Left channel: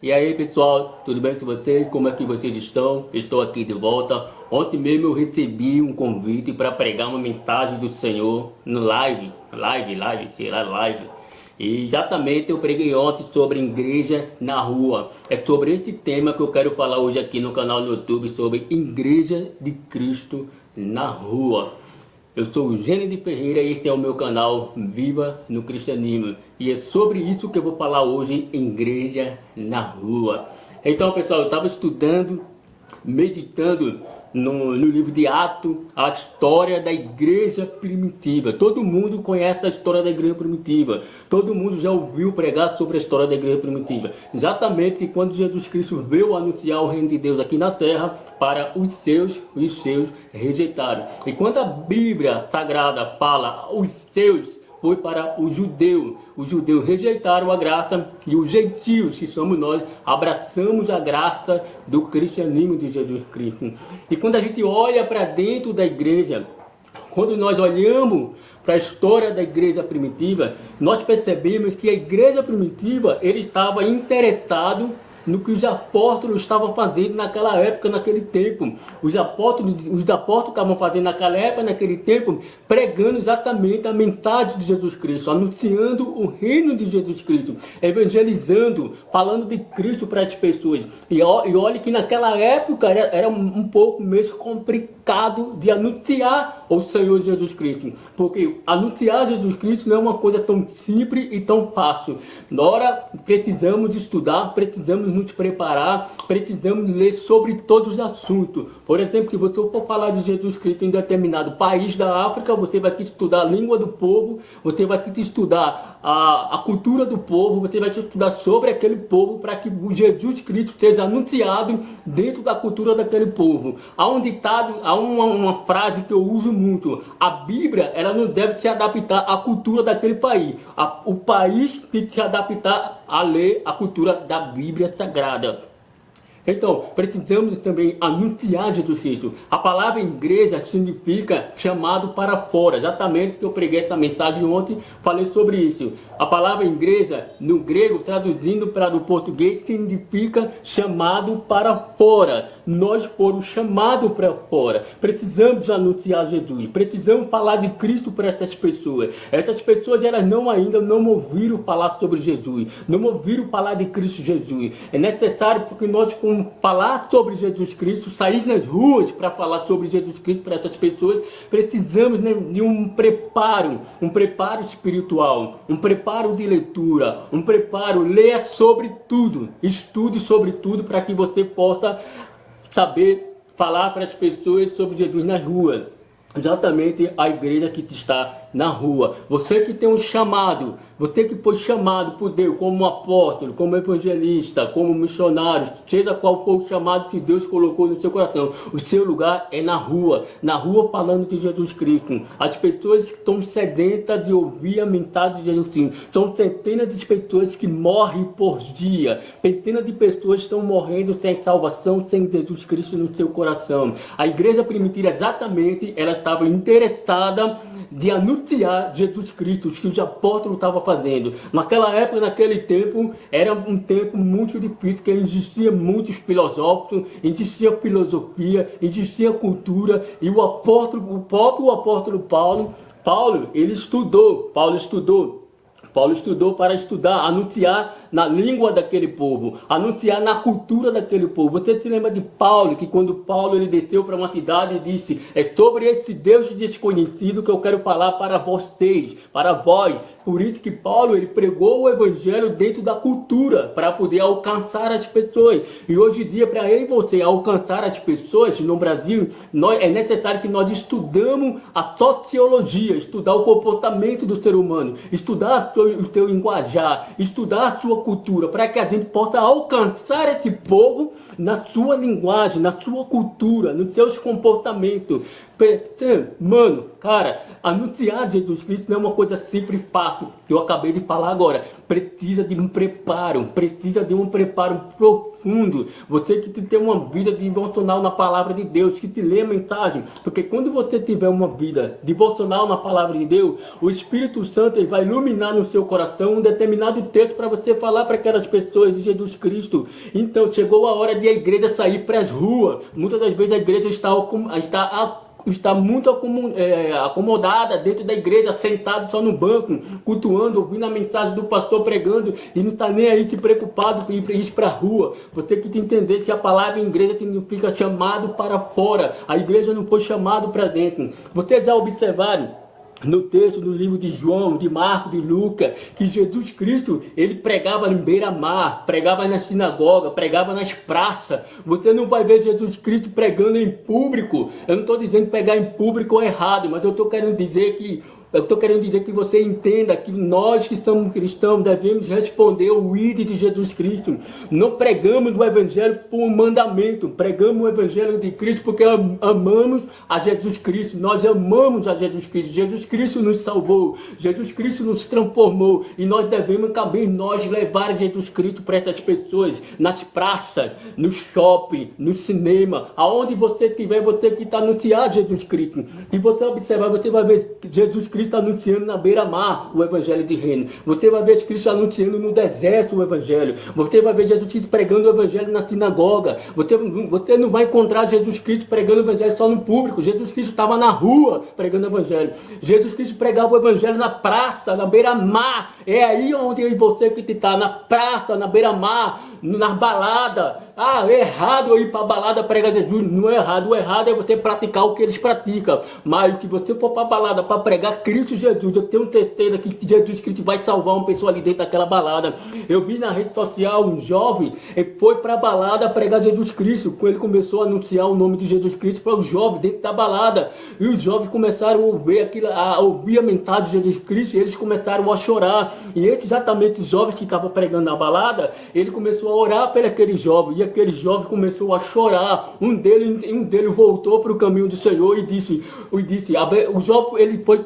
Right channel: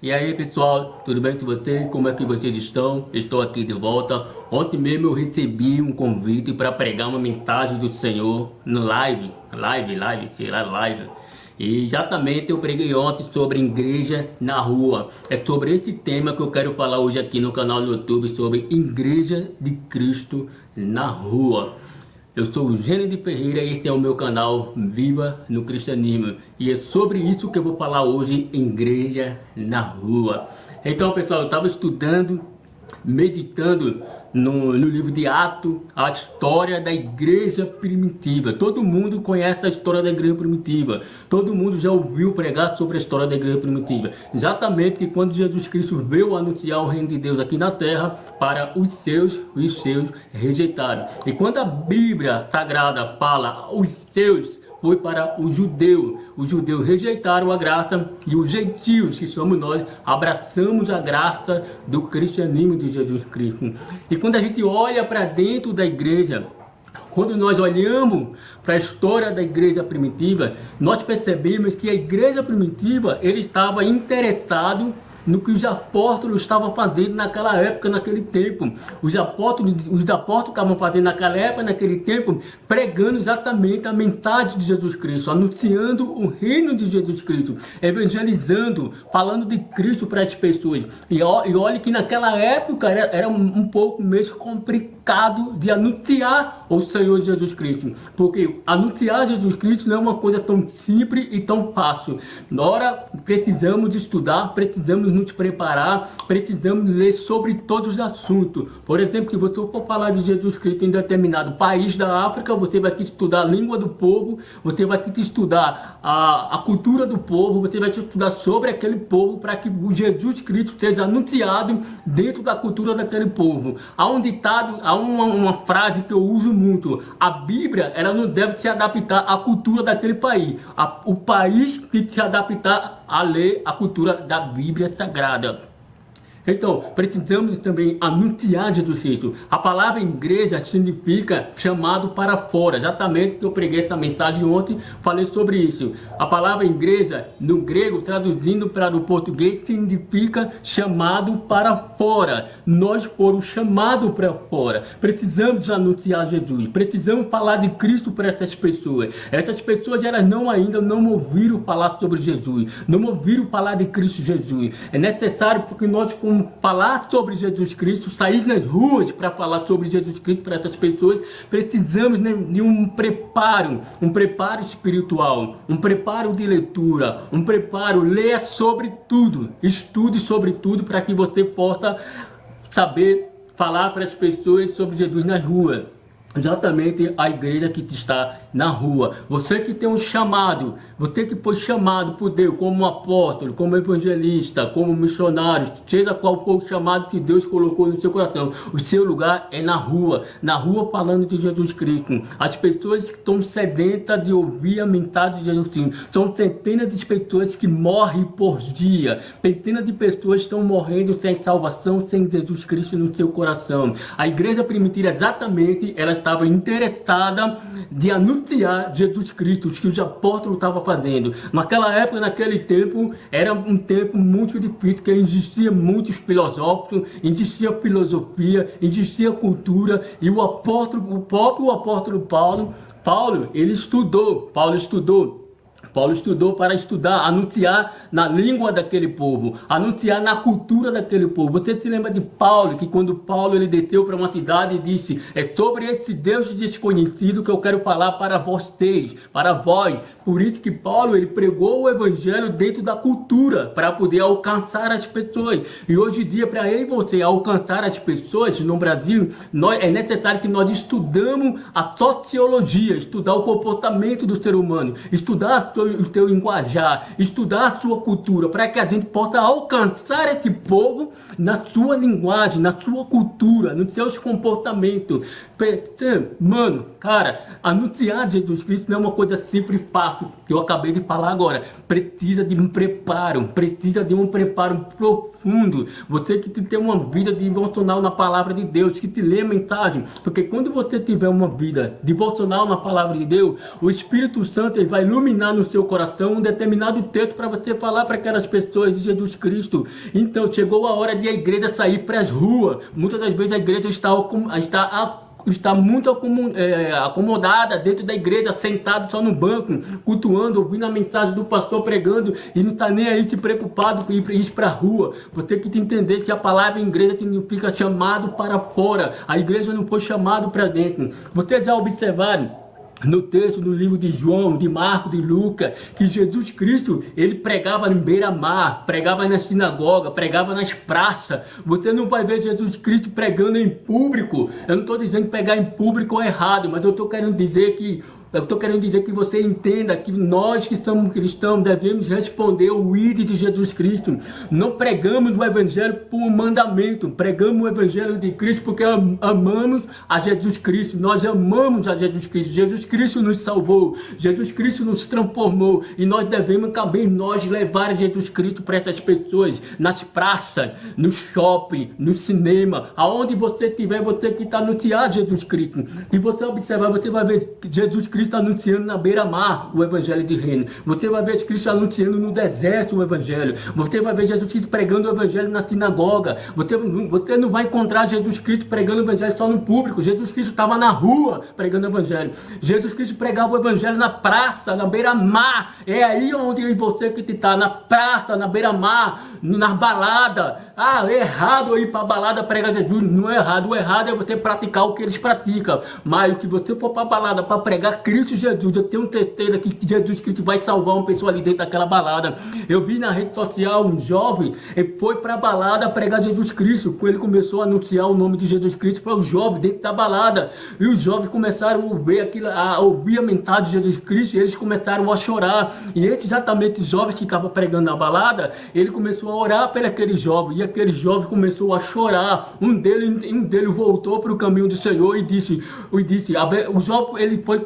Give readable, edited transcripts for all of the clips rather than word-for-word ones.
E aí pessoal, tudo bem com vocês? Como é que vocês estão? Estou aqui de volta. Ontem mesmo eu recebi um convite para pregar uma mensagem do Senhor no live. E exatamente eu preguei ontem sobre igreja na rua. É sobre esse tema que eu quero falar hoje aqui no canal do YouTube, sobre Igreja de Cristo na Rua. Eu sou o Gênio de Ferreira e este é o meu canal Viva no Cristianismo. E é sobre isso que eu vou falar hoje, Igreja na Rua. Então pessoal, eu estava estudando, meditando no livro de Atos, a história da igreja primitiva. Todo mundo conhece a história da igreja primitiva. Todo mundo já ouviu pregar sobre a história da igreja primitiva. Exatamente que quando Jesus Cristo veio anunciar o reino de Deus aqui na terra, para os seus rejeitaram. E quando a Bíblia Sagrada fala os seus, foi para os judeus. Os judeus rejeitaram a graça e os gentios, que somos nós, abraçamos a graça do cristianismo de Jesus Cristo. E quando a gente olha para dentro da igreja, quando nós olhamos para a história da igreja primitiva, nós percebemos que a igreja primitiva, ele estava interessado no que os apóstolos estavam fazendo naquela época, naquele tempo. Os apóstolos estavam fazendo naquela época, naquele tempo, pregando exatamente a mensagem de Jesus Cristo, anunciando o reino de Jesus Cristo, evangelizando, falando de Cristo para as pessoas. E olha que naquela época era um pouco meio complicado de anunciar o Senhor Jesus Cristo, porque anunciar Jesus Cristo não é uma coisa tão simples e tão fácil. Nós precisamos estudar, precisamos nos preparar, precisamos ler sobre todos os assuntos. Por exemplo, se você for falar de Jesus Cristo em determinado país da África, você vai ter que estudar a língua do povo, você vai ter que estudar a cultura do povo, você vai ter que estudar sobre aquele povo para que o Jesus Cristo seja anunciado dentro da cultura daquele povo. Há um ditado, há uma frase que eu uso muito: a Bíblia, ela não deve se adaptar à cultura daquele país. O país tem que se adaptar a ler a cultura da Bíblia Sagrada. Então, precisamos também anunciar Jesus Cristo. A palavra igreja significa chamado para fora. Exatamente que eu preguei essa mensagem ontem, falei sobre isso. A palavra igreja, no grego, traduzindo para o português, significa chamado para fora. Nós fomos chamados para fora. Precisamos anunciar Jesus. Precisamos falar de Cristo para essas pessoas. Essas pessoas, elas ainda não ouviram falar sobre Jesus. Não ouviram falar de Cristo Jesus. É necessário porque nós, como falar sobre Jesus Cristo, sair nas ruas para falar sobre Jesus Cristo para essas pessoas, precisamos de um preparo espiritual, um preparo de leitura, um preparo, leia sobre tudo, estude sobre tudo para que você possa saber falar para as pessoas sobre Jesus nas ruas. Exatamente a igreja que está na rua. Você que tem um chamado, você que foi chamado por Deus como apóstolo, como evangelista, como missionário, seja qual for o chamado que Deus colocou no seu coração, o seu lugar é na rua falando de Jesus Cristo. As pessoas que estão sedentas de ouvir a mensagem de Jesus Cristo, são centenas de pessoas que morrem por dia, centenas de pessoas estão morrendo sem salvação, sem Jesus Cristo no seu coração. A igreja primitiva, exatamente, ela estava interessada de anunciar Jesus Cristo, o que os apóstolos estavam fazendo. Naquela época, naquele tempo, era um tempo muito difícil, que existia muitos filósofos, existia filosofia, existia cultura, e o próprio apóstolo Paulo, ele estudou. Paulo estudou para estudar, anunciar na língua daquele povo, anunciar na cultura daquele povo. Você se lembra de Paulo, que quando Paulo ele desceu para uma cidade e disse: é sobre esse Deus desconhecido que eu quero falar para vocês, para vós. Por isso que Paulo ele pregou o evangelho dentro da cultura, para poder alcançar as pessoas. E hoje em dia, para eu e você alcançar as pessoas no Brasil, é necessário que nós estudamos a sociologia, estudar o comportamento do ser humano, estudar o teu linguajar, estudar a sua cultura, para que a gente possa alcançar esse povo na sua linguagem, na sua cultura, nos seus comportamentos. Mano, cara, anunciar Jesus Cristo não é uma coisa simples e fácil. passo que eu acabei de falar agora. Precisa de um preparo profundo. Você que tem uma vida devocional na palavra de Deus, que te lê a mensagem, porque quando você tiver uma vida devocional na palavra de Deus, o Espírito Santo ele vai iluminar no seu coração um determinado texto para você falar para aquelas pessoas de Jesus Cristo. Então chegou a hora de a igreja sair para as ruas. Muitas das vezes a igreja está muito acomodada dentro da igreja, sentado só no banco, cultuando, ouvindo a mensagem do pastor pregando e não está nem aí se preocupado com ir para a rua. Você tem que entender que a palavra igreja significa chamado para fora. A igreja não foi chamado para dentro. Vocês já observaram no texto do livro de João, de Marcos, de Lucas, que Jesus Cristo, ele pregava em beira-mar, pregava na sinagoga, pregava nas praças. Você não vai ver Jesus Cristo pregando em público. Eu não estou dizendo que pregar em público é errado, mas eu estou querendo dizer que você entenda que nós que somos cristãos devemos responder ao ID de Jesus Cristo. Não pregamos o Evangelho por um mandamento, pregamos o Evangelho de Cristo porque amamos a Jesus Cristo. Nós amamos a Jesus Cristo. Jesus Cristo nos salvou, Jesus Cristo nos transformou e nós devemos também levar Jesus Cristo para essas pessoas, nas praças, no shopping, no cinema, aonde você estiver, você que está anunciando Jesus Cristo. E você observar, você vai ver Jesus Cristo anunciando na beira-mar o Evangelho de reino. Você vai ver Cristo anunciando no deserto o Evangelho. Você vai ver Jesus Cristo pregando o Evangelho na sinagoga. Você não vai encontrar Jesus Cristo pregando o Evangelho só no público. Jesus Cristo estava na rua pregando o Evangelho. Jesus Cristo pregava o Evangelho na praça, na beira-mar. É aí onde você que está, na praça, na beira-mar, na balada. É errado eu ir para a balada pregar Jesus. Não é errado. O errado é você praticar o que eles praticam. Mas o que você for para a balada para pregar Cristo Jesus, eu tenho certeza que Jesus Cristo vai salvar uma pessoa ali dentro daquela balada. Eu vi na rede social um jovem, ele foi para a balada pregar Jesus Cristo. Quando ele começou a anunciar o nome de Jesus Cristo para os jovens dentro da balada, e os jovens começaram a ouvir a mensagem de Jesus Cristo, e eles começaram a chorar. E exatamente os jovens que estavam pregando na balada, ele começou a orar por aquele jovem, e aquele jovem começou a chorar. Um deles voltou para o caminho do Senhor e disse, o jovem ele foi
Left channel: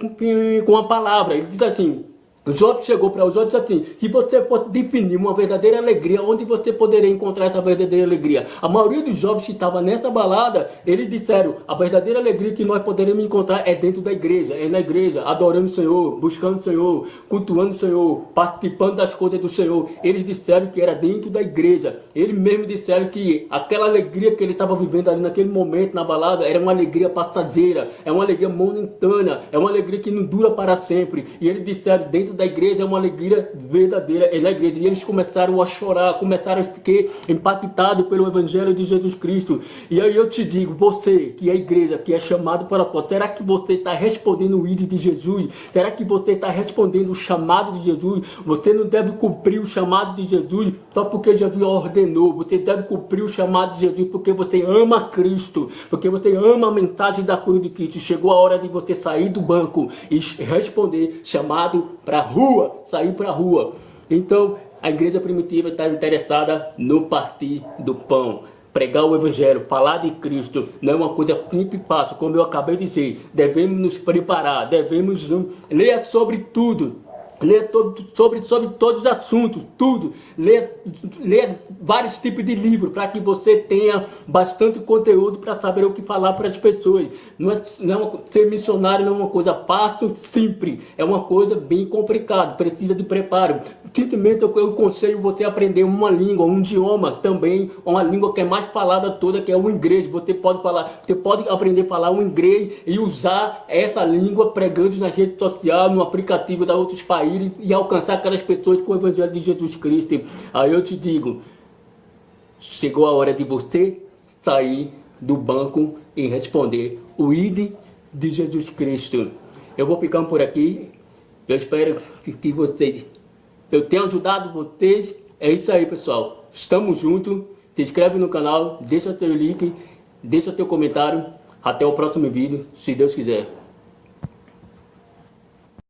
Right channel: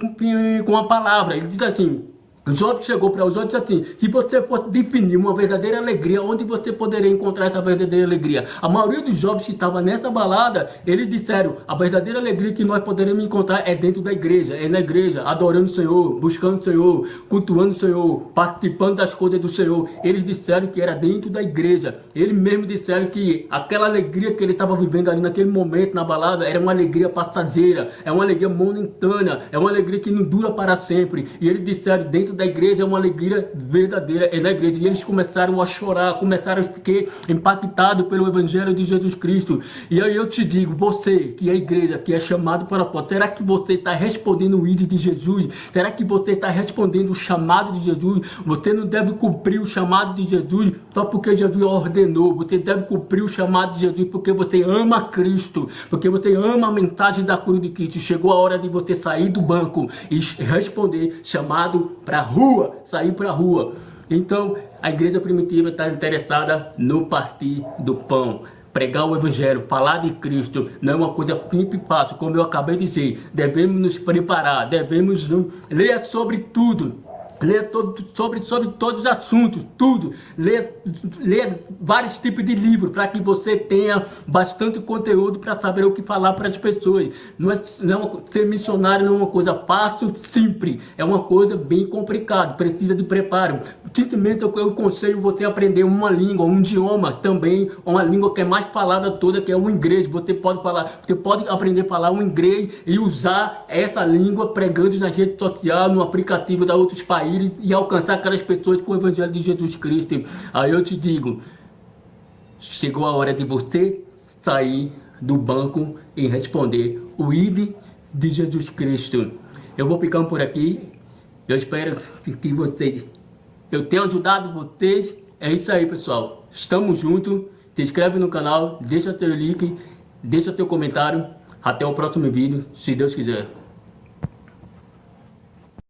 com a palavra, ele diz assim, o jovem chegou para os outros assim, que você pode definir uma verdadeira alegria, onde você poderia encontrar essa verdadeira alegria. A maioria dos jovens que estavam nessa balada, eles disseram, a verdadeira alegria que nós poderemos encontrar é dentro da igreja, é na igreja, adorando o Senhor, buscando o Senhor, cultuando o Senhor, participando das coisas do Senhor. Eles disseram que era dentro da igreja. Eles mesmos disseram que aquela alegria que ele estava vivendo ali naquele momento na balada, era uma alegria passageira, é uma alegria momentânea, é uma alegria que não dura para sempre. E eles disseram, dentro da igreja é uma alegria verdadeira, é na igreja. E eles começaram a chorar, começaram a ficar impactados pelo Evangelho de Jesus Cristo. E aí eu te digo, você que é igreja, que é chamado para fora, será que você está respondendo o ID de Jesus? Será que você está respondendo o chamado de Jesus? Você não deve cumprir o chamado de Jesus só porque Jesus ordenou. Você deve cumprir o chamado de Jesus porque você ama Cristo, porque você ama a mensagem da cruz de Cristo. Chegou a hora de você sair do banco e responder chamado para a rua, sair para a rua. Então, a igreja primitiva está interessada no partir do pão. Pregar o Evangelho, falar de Cristo, não é uma coisa simples e fácil, como eu acabei de dizer. Devemos nos preparar, devemos ler sobre tudo. Ler sobre todos os assuntos, tudo. Ler vários tipos de livros para que você tenha bastante conteúdo para saber o que falar para as pessoas. Ser missionário não é uma coisa fácil, simples. É uma coisa bem complicada, precisa de preparo. Simplesmente eu aconselho você a aprender uma língua, um idioma também, uma língua que é mais falada toda, que é o inglês. Você pode aprender a falar o inglês e usar essa língua pregando nas redes sociais, no aplicativo de outros países, e alcançar aquelas pessoas com o Evangelho de Jesus Cristo. Aí eu te digo, chegou a hora de você sair do banco e responder o ID de Jesus Cristo. Eu vou ficando por aqui. Eu espero que eu tenha ajudado vocês. É isso aí, pessoal. Estamos juntos. Se inscreve no canal, deixa teu like, deixa teu comentário. Até o próximo vídeo, se Deus quiser.